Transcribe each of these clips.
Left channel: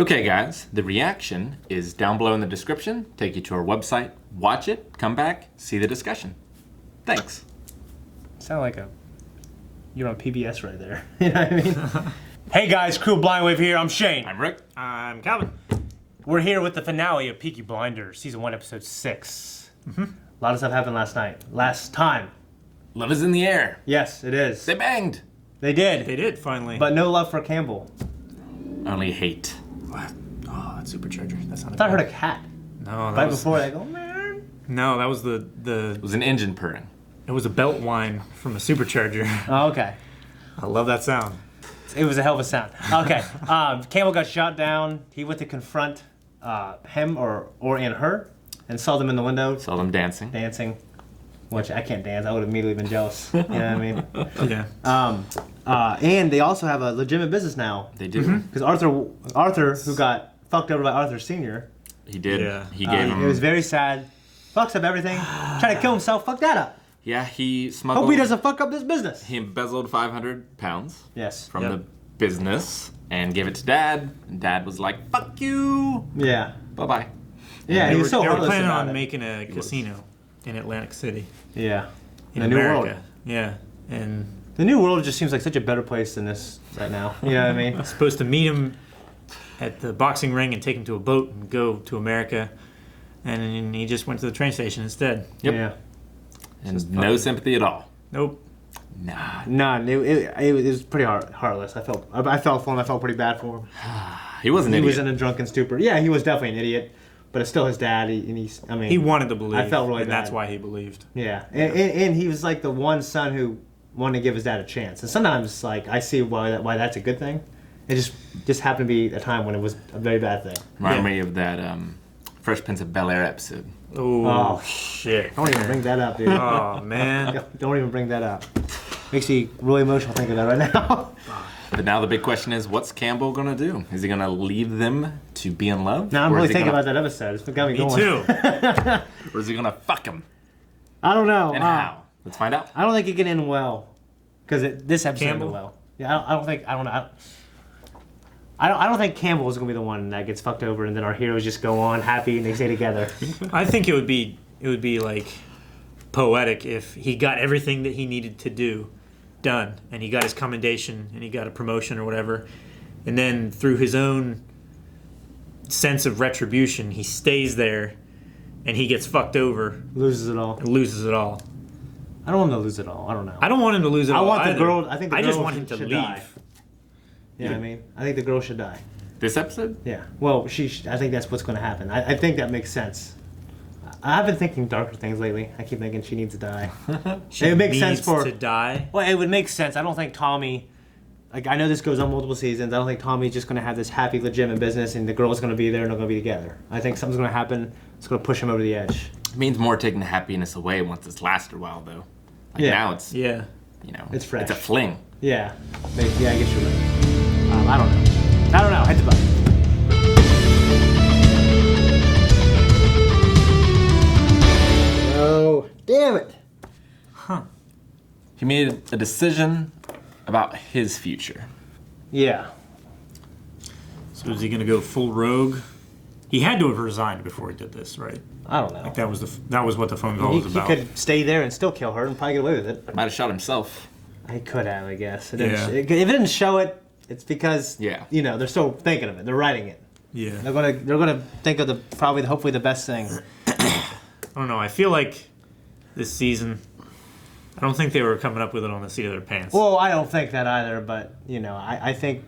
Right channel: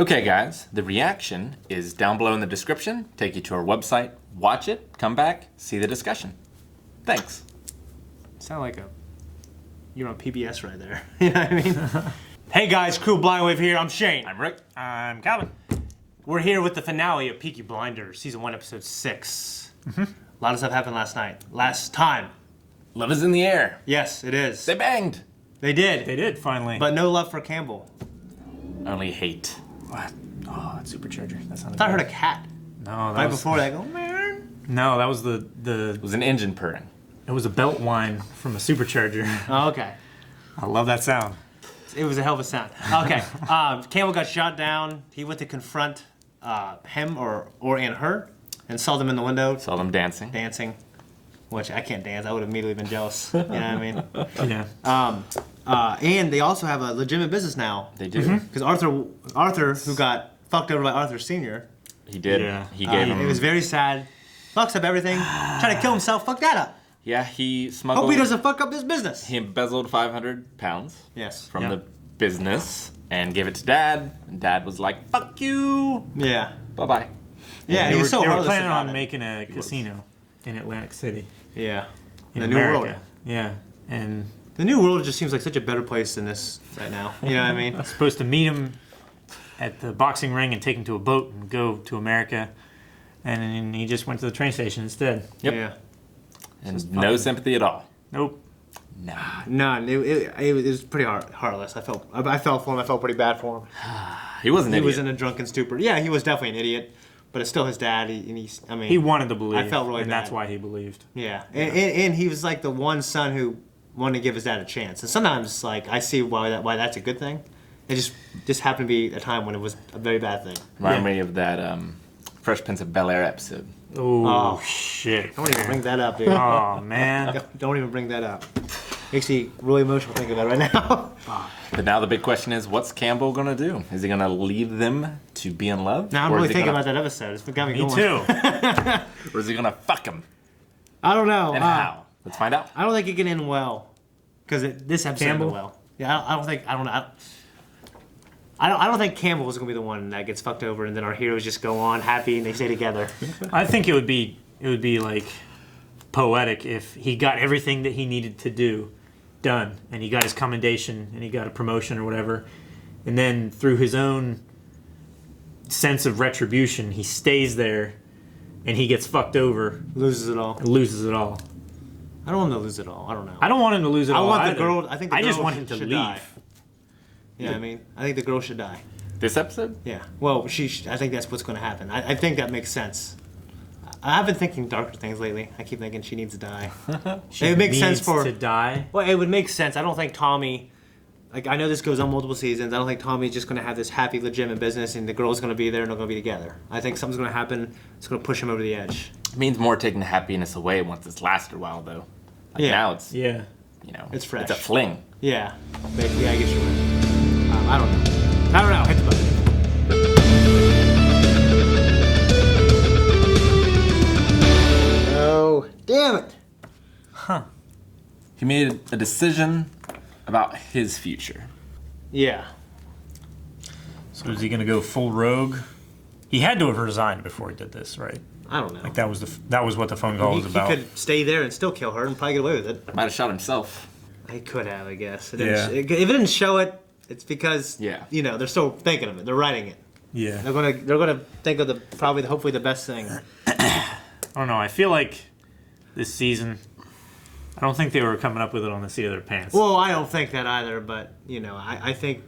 Okay, guys, the reaction is down below in the description. Take you to our website, watch it, come back, see the discussion. Thanks. Sound like you're on PBS right there. You know what I mean? Hey guys, Crew Blindwave here. I'm Shane. I'm Rick. I'm Calvin. We're here with the finale of Peaky Blinders, season 1, episode 6. A lot of stuff happened last time. Love is in the air. Yes, it is. They banged. They did. They did, finally. But no love for Campbell. Only hate. What? Oh, that supercharger. That's not I thought I heard a cat. No, that Right was... before, like, oh man. No, that was the... It was an engine purring. It was a belt whine from a supercharger. Oh, okay. I love that sound. It was a hell of a sound. Okay. Campbell got shot down. He went to confront him and her and saw them in the window. Saw them dancing. Dancing. Which I can't dance. I would have immediately been jealous. You know what I mean? Yeah. And they also have a legitimate business now. They do. Because Arthur, who got fucked over by Arthur Sr. He did. Yeah. He gave him... It was very sad. Fucks up everything. Trying to kill himself. Fuck that up. Yeah, he smuggled... Hope he doesn't fuck up his business. He embezzled 500 pounds Yes. from the business and gave it to Dad. And Dad was like, fuck you. Yeah. Bye-bye. Yeah, They he were, was so they were heartless planning about on it. making a casino in Atlantic City. Yeah. In The New America. World. Yeah. And The New World just seems like such a better place than this right now. You know what I mean? supposed to meet him at the boxing ring and take him to a boat and go to America. And then he just went to the train station instead. Yep. Yeah. And no sympathy at all. Nope. Nah. None. It was pretty heartless. I felt for him. I felt pretty bad for him. He was an He idiot. was in a drunken stupor. Yeah, he was definitely an idiot, but it's still his dad. He wanted to believe. I felt really and bad. that's why he believed. Yeah, and he was like the one son who wanted to give his dad a chance. And sometimes, like, I see why that's a good thing. It just happened to be a time when it was a very bad thing. Remind me of that Fresh Prince of Bel-Air episode. Oh, shit. Don't even bring that up, dude. Oh, man. Don't even bring that up. Makes me really emotional thinking about it right now. But now the big question is, what's Campbell gonna do? Is he gonna leave them to be in love? Now I'm Or really is he thinking gonna- about that episode. It's got me Me going. too. Or is he gonna fuck him? I don't know. And how? Let's find out. I don't think it can end well, because this episode Campbell? ended well. Yeah, I don't think. I don't know. I don't think Campbell is gonna be the one that gets fucked over, and then our heroes just go on happy and they stay together. I think it would be like poetic if he got everything that he needed to do done, and he got his commendation and he got a promotion or whatever, and then through his own sense of retribution, he stays there and he gets fucked over Loses it all. and loses it all. I don't want him to lose it all. I don't know. I don't want him to lose it I all. want the either. girl. I think the I girl just want him to should leave. die. You know what I mean? I think the girl should die. This episode? Yeah. Well, I think that's what's going to happen. I think that makes sense. I've been thinking darker things lately. I keep thinking she needs to die. She It makes sense needs for- to die. Well, it would make sense. I don't think Tommy. Like, I know this goes on multiple seasons. I don't think Tommy's just going to have this happy, legitimate business, and the girl's going to be there, and they're going to be together. I think something's going to happen. It's going to push him over the edge. It means more taking the happiness away once it's lasted a while, though. Like Yeah. now it's, Yeah. you know, It's fresh. It's a fling. Yeah. Yeah, I guess you're right. I don't know. I don't know. Hit the button. No. Damn it. He made a decision about his future. Yeah. So is he going to go full rogue? He had to have resigned before he did this, right? I don't know. Like that was what the phone call was He about. could stay there and still kill her and probably get away with it. Might have shot himself. He could have, I guess. Yeah. If it didn't show it, it's because Yeah. they're still thinking of it. They're writing it. Yeah. They're gonna think of hopefully the best thing. I don't know. I feel like this season, I don't think they were coming up with it on the seat of their pants. Well, I don't think that either, but I think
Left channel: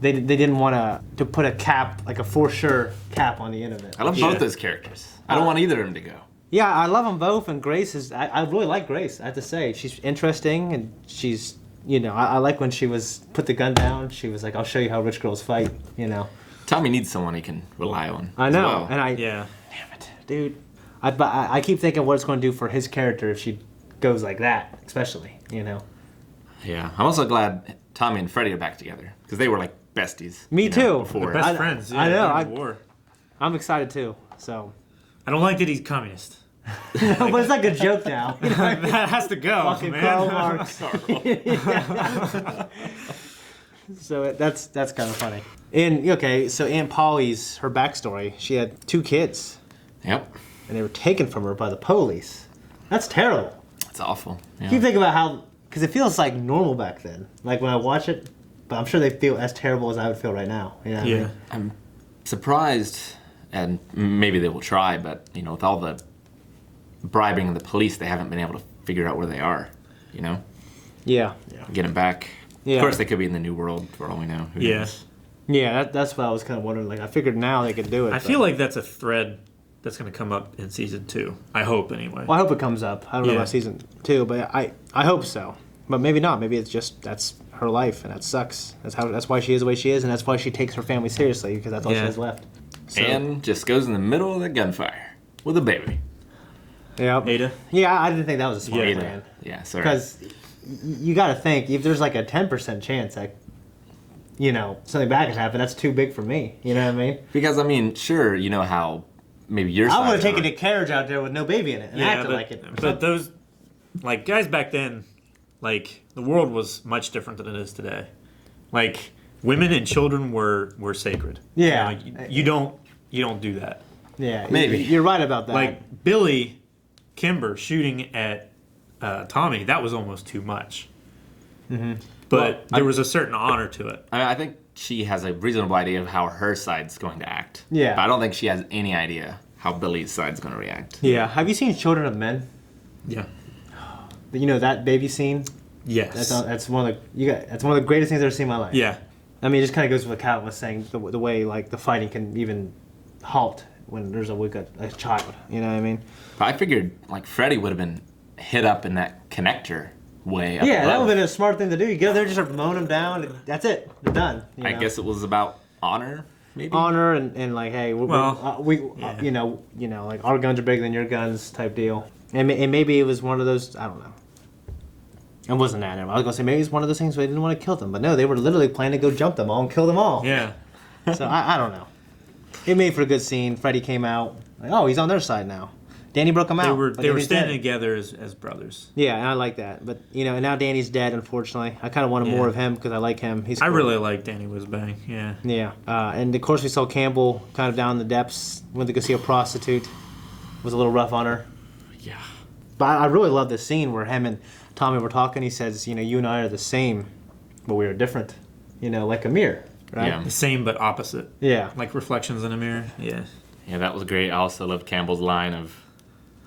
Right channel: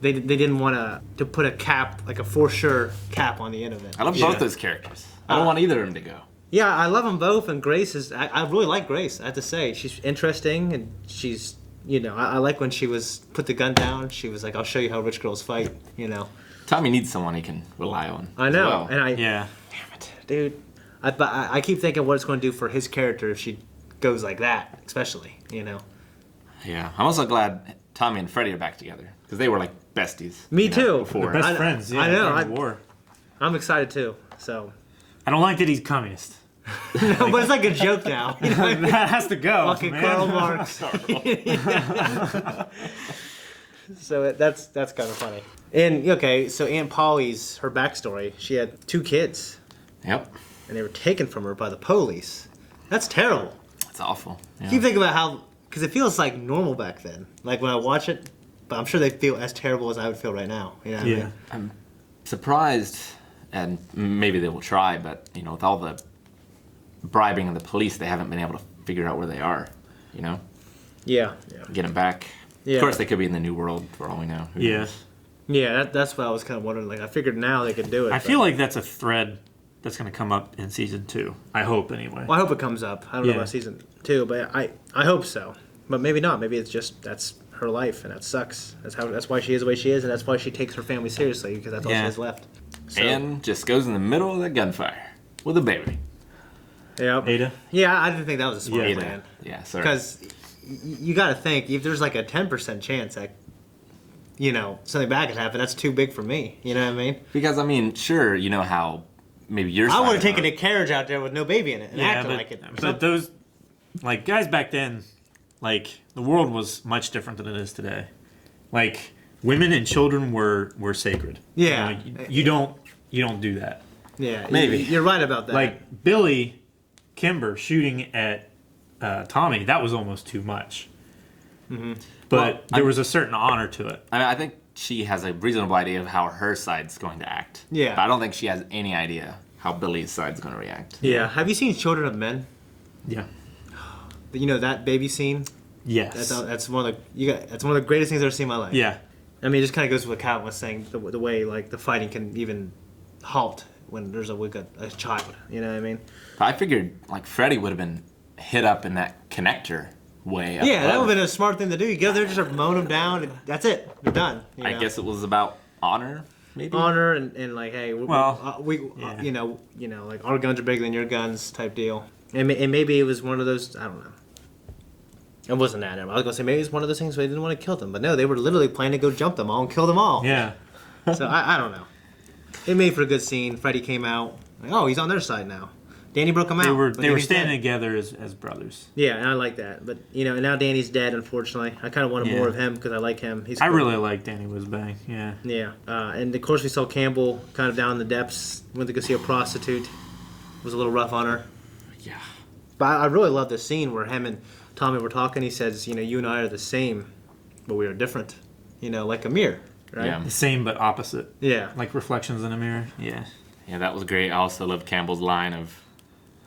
they didn't want to put a cap, like a for sure cap on the end of it. I love both those characters. I don't want either of them to go. Yeah, I love them both, and Grace is. I really like Grace. I have to say, she's interesting, and she's. I like when she put the gun down. She was like, "I'll show you how rich girls fight." Tommy needs someone he can rely on. I know, As well. and Yeah. Damn it, dude. I keep thinking what it's going to do for his character if she goes like that, especially. Yeah. I'm also glad Tommy and Freddie are back together because they were like besties. Me you know, too. Before. Best friends. Yeah, I know, during the war. I'm excited too. So, I don't like that he's communist. but it's like a joke now. That has to go, Fucking man. Karl Marx. So that's kind of funny. And okay, so Aunt Polly's her backstory. She had 2 kids, Yep. and they were taken from her by the police. That's terrible. It's awful. Yeah. You think about how, because it feels like normal back then. Like when I watch it, but I'm sure they feel as terrible as I would feel right now. You know what I mean? I'm surprised, and maybe they will try, but with all the bribing of the police, they haven't been able to figure out where they are. Yeah. Get them back. Yeah. Of course, they could be in the new world for all we know. Who Yeah. knows? Yeah, that's what I was kind of wondering. Like, I figured now they could do it. I feel like that's a thread that's going to come up in season 2. I hope, anyway. Well, I hope it comes up. I don't know Yeah. about season 2, but I hope so. But maybe not. Maybe it's just that's her life, and that sucks. That's why she is the way she is, and that's why she takes her family seriously, because that's all she has left. So, And just goes in the middle of the gunfire with a baby. yeah, Ada? yeah. I didn't think that was a smart Ada. plan. Yeah, sorry. Because you got to think, if there's like a 10% chance that something bad could happen, that's too big for me. You know what I mean? Because sure, you know how maybe you're. I would have taken a carriage out there with no baby in it and acted but, like it. But those, guys back then, the world was much different than it is today. Women and children were sacred. Yeah. You don't do that. Yeah, Maybe. You're right about that. Billy Kimber shooting at Tommy, that was almost too much. Mm-hmm. But there was a certain honor to it. I think she has a reasonable idea of how her side's going to act. Yeah. But I don't think she has any idea how Billy's side's going to react. Yeah. Have you seen Children of Men? Yeah. That baby scene? Yes. That's one of the greatest things I've ever seen in my life. Yeah. I mean, it just kind of goes with what Kat was saying, the way the fighting can even halt when there's a child. You know what I mean? But I figured Freddy would have been hit up in that connector way. up Yeah, that above. would have been a smart thing to do. You go there, just start mowing them down, and that's it. They're done. I guess it was about honor, maybe. Honor and hey, our guns are bigger than your guns type deal. And maybe it was one of those. I don't know. It wasn't that. I was gonna say maybe it's one of those things where they didn't want to kill them, but no, they were literally planning to go jump them all and kill them all. Yeah. So I don't know. It made for a good scene. Freddy came out. He's on their side now. Danny broke him out. They were standing dead. together as brothers. Yeah, and I like that. But now Danny's dead, unfortunately. I kind of wanted more of him because I like him. I really like Danny Whizbang. Yeah. Yeah, and of course we saw Campbell kind of down in the depths. Went to go see a prostitute. Was a little rough on her. Yeah. But I really love this scene where him and Tommy were talking. He says, you and I are the same, but we are different. Like a mirror. Right? Yeah. The same but opposite. Yeah. Like reflections in a mirror. Yeah. Yeah, that was great. I also love Campbell's line of,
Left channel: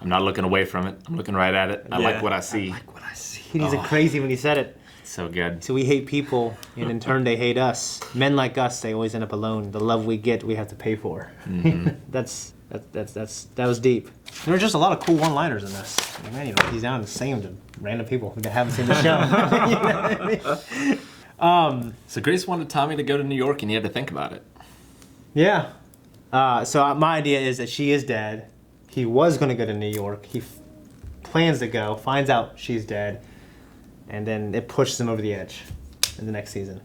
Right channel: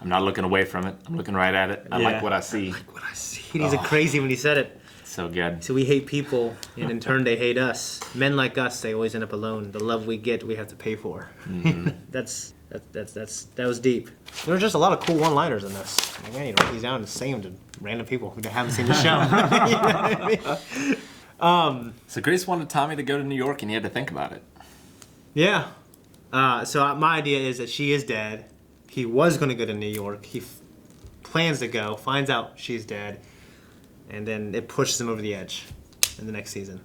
"I'm not looking away from it. I'm looking right at it. I like what I see." What I see. He's crazy when he said it. So good. So we hate people, and in turn they hate us. Men like us, they always end up alone. The love we get, we have to pay for. Mm-hmm. that was deep. There were just a lot of cool one-liners in this. Man, he's down to saying to random people who haven't seen the show. You know what I mean? So Grace wanted Tommy to go to New York, and he had to think about it. Yeah. So my idea is that she is dead. He was going to go to New York. He plans to go, finds out she's dead, and then it pushes him over the edge in the next season.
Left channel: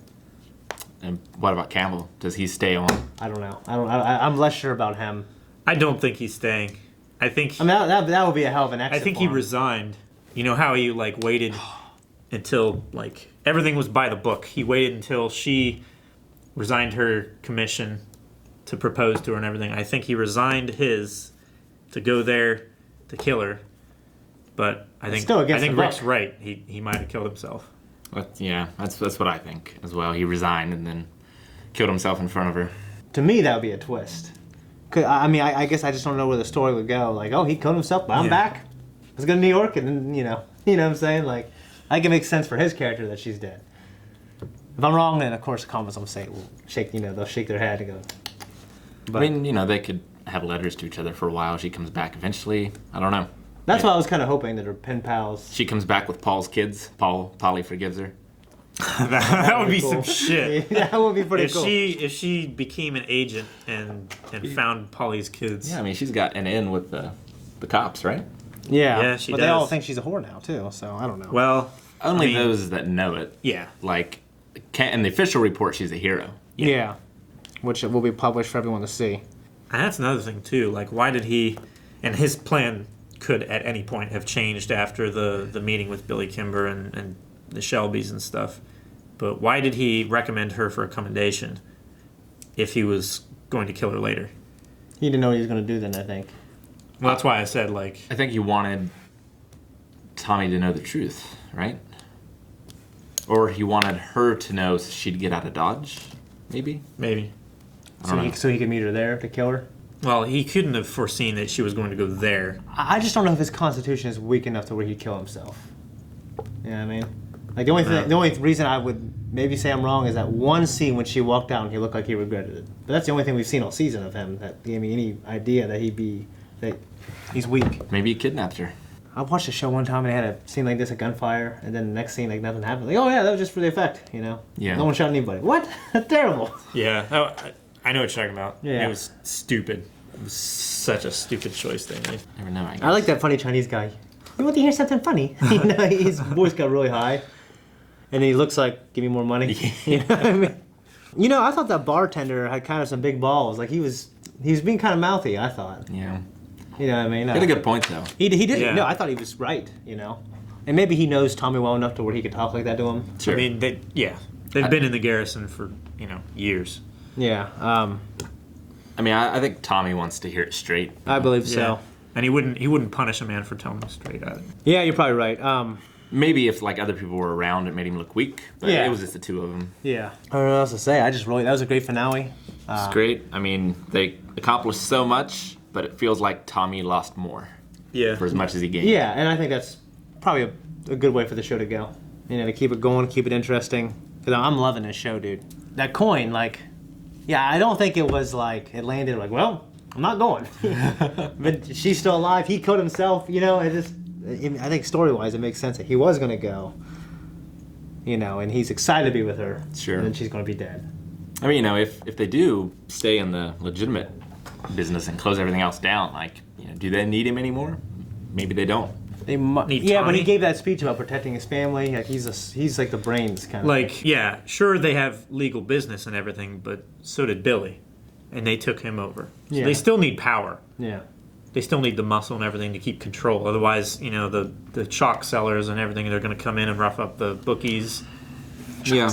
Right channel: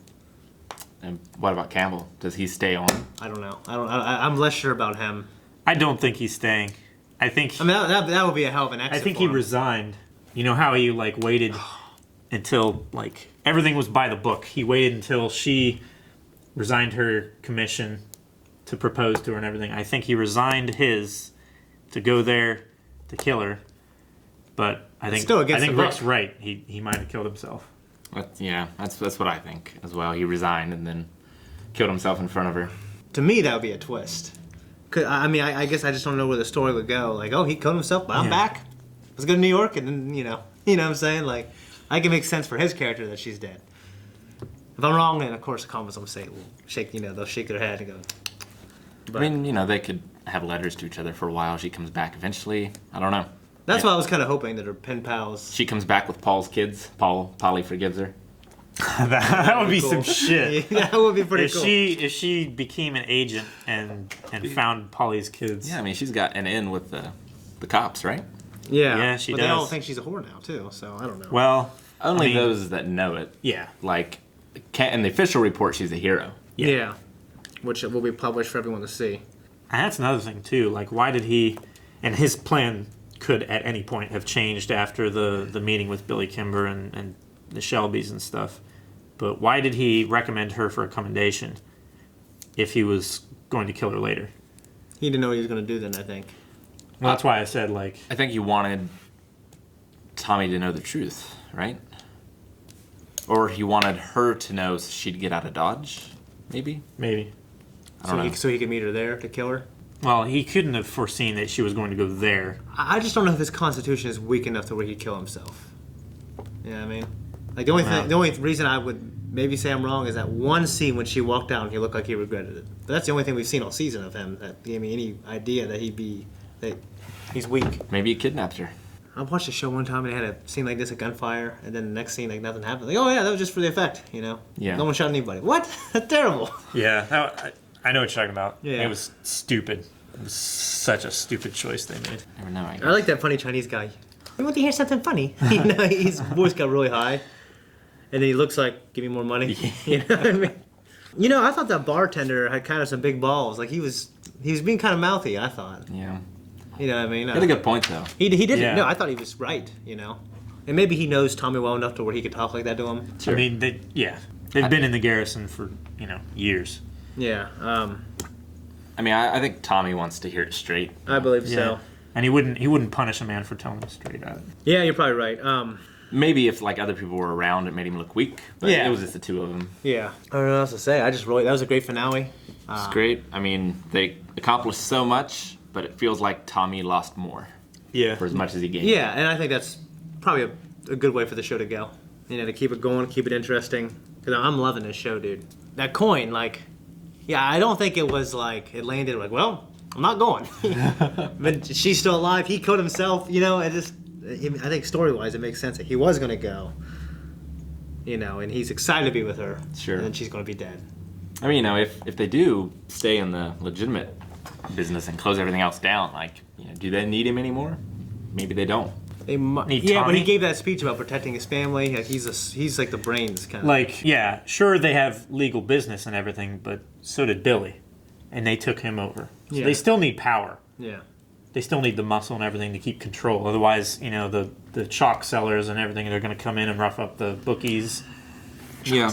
And what about Campbell? Does he stay on? I don't know. I'm less sure about him. I don't think he's staying. I think. I mean, that would be a hell of an exit. I think for he him. resigned. You know how he waited until everything was by the book. He waited until she resigned her commission to propose to her and everything. I think he resigned his to go there to kill her. But I think still against the Rick's book. right. He might have killed himself. That's what I think as well. He resigned and then killed himself in front of her. To me, that would be a twist. 'Cause, I mean, I guess I just don't know where the story would go. He killed himself, but I'm back. Let's go to New York, and then, you know what I'm saying? I think it makes sense for his character that she's dead. If I'm wrong, then, of course, the comments will say, they'll shake their head and go. But, I mean, they could have letters to each other for a while. She comes back eventually. I don't know. that's why I was kind of hoping that her pen pals. She comes back with Paul's kids. Polly forgives her. that would be cool. some shit. That would be pretty If cool. she became an agent and found Polly's kids. Yeah, I mean, she's got an in with the cops, right? Yeah, she but does. they all think she's a whore now, too, so I don't know. Well, Only I mean, those that know it. Yeah. In the official report, she's a hero. Yeah. Which will be published for everyone to see. And that's another thing too. Why did he? And his plan could at any point have changed after the meeting with Billy Kimber and the Shelbys and stuff. But why did he recommend her for a commendation if he was going to kill her later. He didn't know what he was going to do then, I think. Well, that's why I said, like... I think he wanted Tommy to know the truth, right? Or he wanted her to know so she'd get out of Dodge, maybe? Maybe. I don't know. So he could meet her there to kill her? Well, he couldn't have foreseen that she was going to go there. I just don't know if his constitution is weak enough to where he'd kill himself. You know what I mean? Like, the only reason I would maybe say I'm wrong is that one scene when she walked out and he looked like he regretted it. But that's the only thing we've seen all season of him that gave me any idea that he's weak. Maybe he kidnapped her. I watched a show one time and they had a scene like this, a gunfire, and then the next scene, like, nothing happened. Like, oh yeah, that was just for the effect, you know? Yeah. No one shot anybody. What? That's terrible. Yeah, I know what you're talking about. Yeah. It was stupid. It was such a stupid choice they made. Never know, I guess. I like that funny Chinese guy. You want to hear something funny? You know, his voice got really high. And he looks like, give me more money. You know what I mean? You know, I thought that bartender had kind of some big balls. Like, he was being kind of mouthy, I thought. Yeah. You know what I mean? He had a good point, though. He did. Yeah. No, I thought he was right, you know? And maybe he knows Tommy well enough to where he could talk like that to him. Sure. I mean, they've been in the garrison for, years. Yeah. I mean, I think Tommy wants to hear it straight. I believe so. Yeah. And he wouldn't punish a man for telling him straight either. Yeah, you're probably right. Maybe if, like, other people were around, it made him look weak. But Yeah. it was just the two of them. Yeah. I don't know what else to say. That was a great finale. It's great. I mean, they accomplished so much, but it feels like Tommy lost more Yeah. for as much as he gained. Yeah, and I think that's probably a good way for the show to go. You know, to keep it going, keep it interesting. Because I'm loving this show, dude. That coin, like, yeah, I don't think it was like, it landed like, well, I'm not going. But she's still alive. He killed himself. You know, I think story-wise, it makes sense that he was going to go. You know, and he's excited to be with her. Sure. And then she's going to be dead. I mean, if they do stay in the legitimate business and close everything else down, like, do they need him anymore? Maybe they don't. Need Yeah, but Tommy? he gave that speech about protecting his family. Like he's like the brains kind of. Like, yeah, sure they have legal business and everything, but so did Billy. And they took him over. So Yeah. they still need power. Yeah. They still need the muscle and everything to keep control. Otherwise, the chalk sellers and everything, they're going to come in and rough up the bookies Yeah.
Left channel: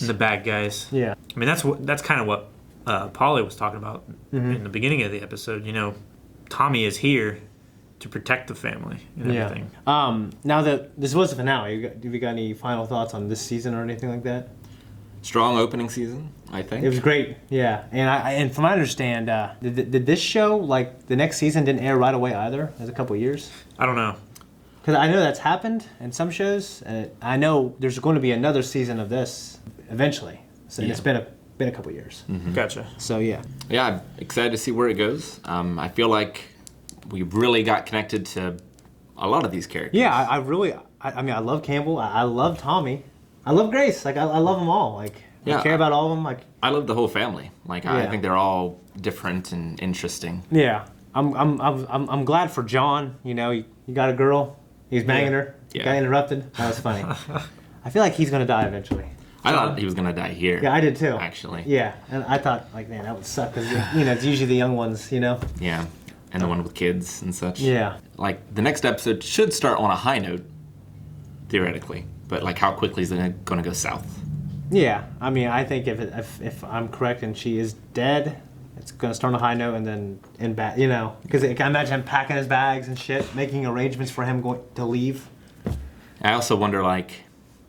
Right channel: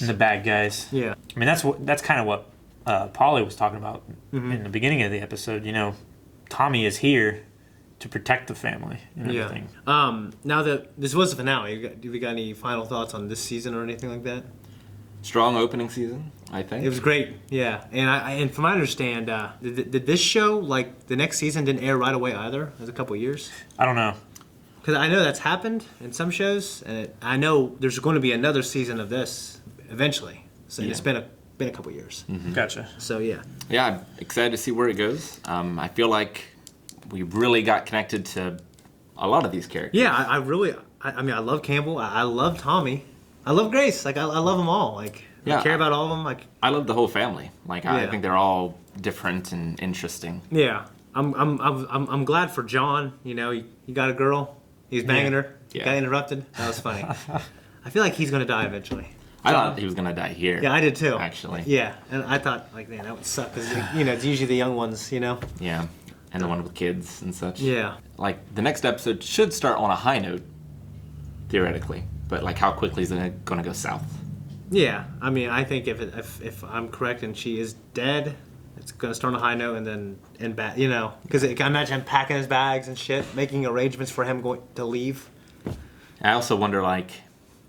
and the bad guys. Yeah. I mean, that's kind of what Polly was talking about in the beginning of the episode. Tommy is here to protect the family and everything. Now that this was the finale, have you got any final thoughts on this season or anything like that? Strong opening season, I think. It was great, yeah. And from what I understand, did this show, like, the next season didn't air right away either? It was a couple years. I don't know. Because I know that's happened in some shows, and I know there's going to be another season of this eventually. So Yeah. it's been a couple years. Gotcha. So yeah. Yeah, I'm excited to see where it goes. I feel like we really got connected to a lot of these characters. Yeah, I really, I mean, I love Campbell. I love Tommy. I love Grace. Like, I love them all. Like, Yeah, I care about all of them. Like, I love the whole family. Like, I Yeah. think they're all different and interesting. yeah, I'm glad for John. He got a girl. He was banging her. Yeah. Got interrupted. That was funny. I feel like he's gonna die eventually. I thought he was gonna die here. Yeah, I did too. Actually. Yeah, and I thought, like, man, that would suck because it's usually the young ones. Yeah, and the one with kids and such. Yeah. Like, the next episode should start on a high note, theoretically. But, like, how quickly is it gonna go south? Yeah, I mean, I think if I'm correct and she is dead, it's gonna start on a high note and then end bad. Because I can imagine him packing his bags and shit, making arrangements for him to leave. I also wonder, like,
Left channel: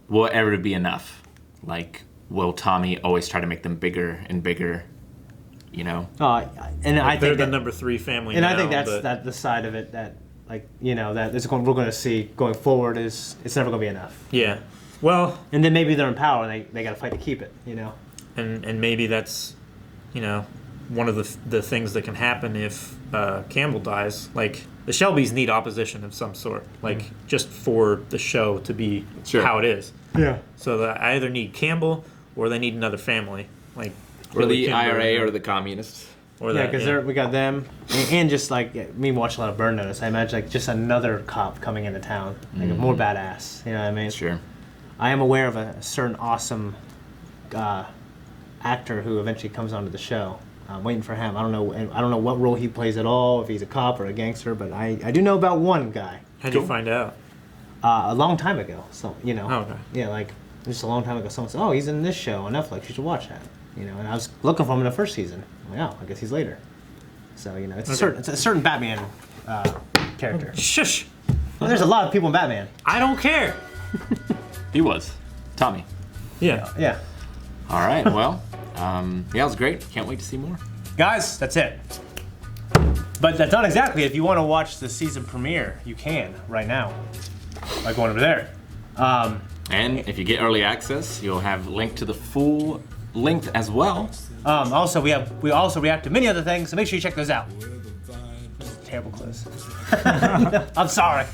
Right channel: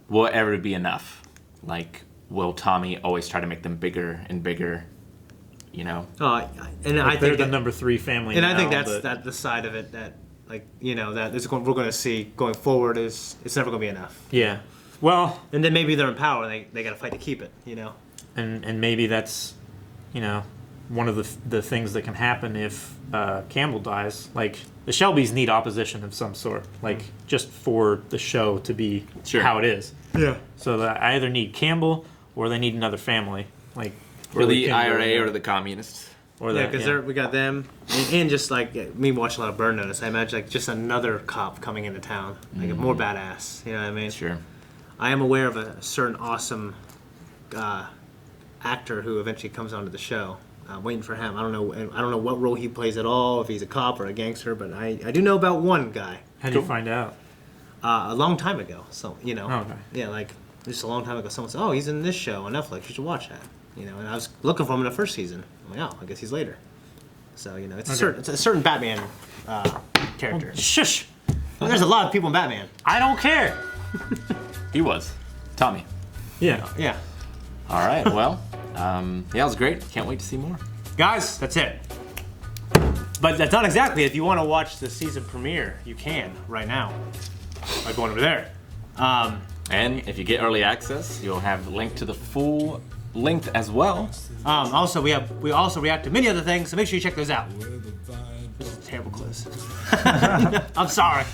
will it ever be enough? Like, will Tommy always try to make them bigger and bigger? And I They're think the that, number 3 family and now, I think that's but the side of it that, like, that we're going to see going forward is it's never going to be enough. yeah. Well, And then maybe they're in power. They got to fight to keep it. and maybe that's, one of the things that can happen if Campbell dies. Like, the Shelbys need opposition of some sort, like, just for the show to be Sure. how it is. Yeah. So they either need Campbell or they need another family, like Or Billy the Kimber IRA or the communists. or Yeah, that. because we got them, and just like me watching a lot of Burn Notice, I imagine like just another cop coming into town, like a more badass. You know what I mean? Sure. I am aware of a certain awesome actor who eventually comes onto the show. I'm waiting for him. I don't know what role he plays at all, if he's a cop or a gangster, but I do know about one guy How do you Cool. find out? a long time ago. So Oh, okay. yeah, like just a long time ago. Someone said, "Oh, he's in this show on Netflix. You should watch that." You know, and I was looking for him in the first season. I'm like, oh, I guess he's later. So you know, it's a certain Batman character. Shush! Well, there's a lot of people in Batman. I don't care. He was. Tommy. Yeah. Yeah. All right, well, yeah, it was great. Can't wait to see more. Guys, that's it. But that's not exactly. If you want to watch the season premiere, you can right now by going over there. And if you get early access, you'll have a link to the full length as well. Also, we also react to many other things, so make sure you check those out. Terrible close. I'm sorry.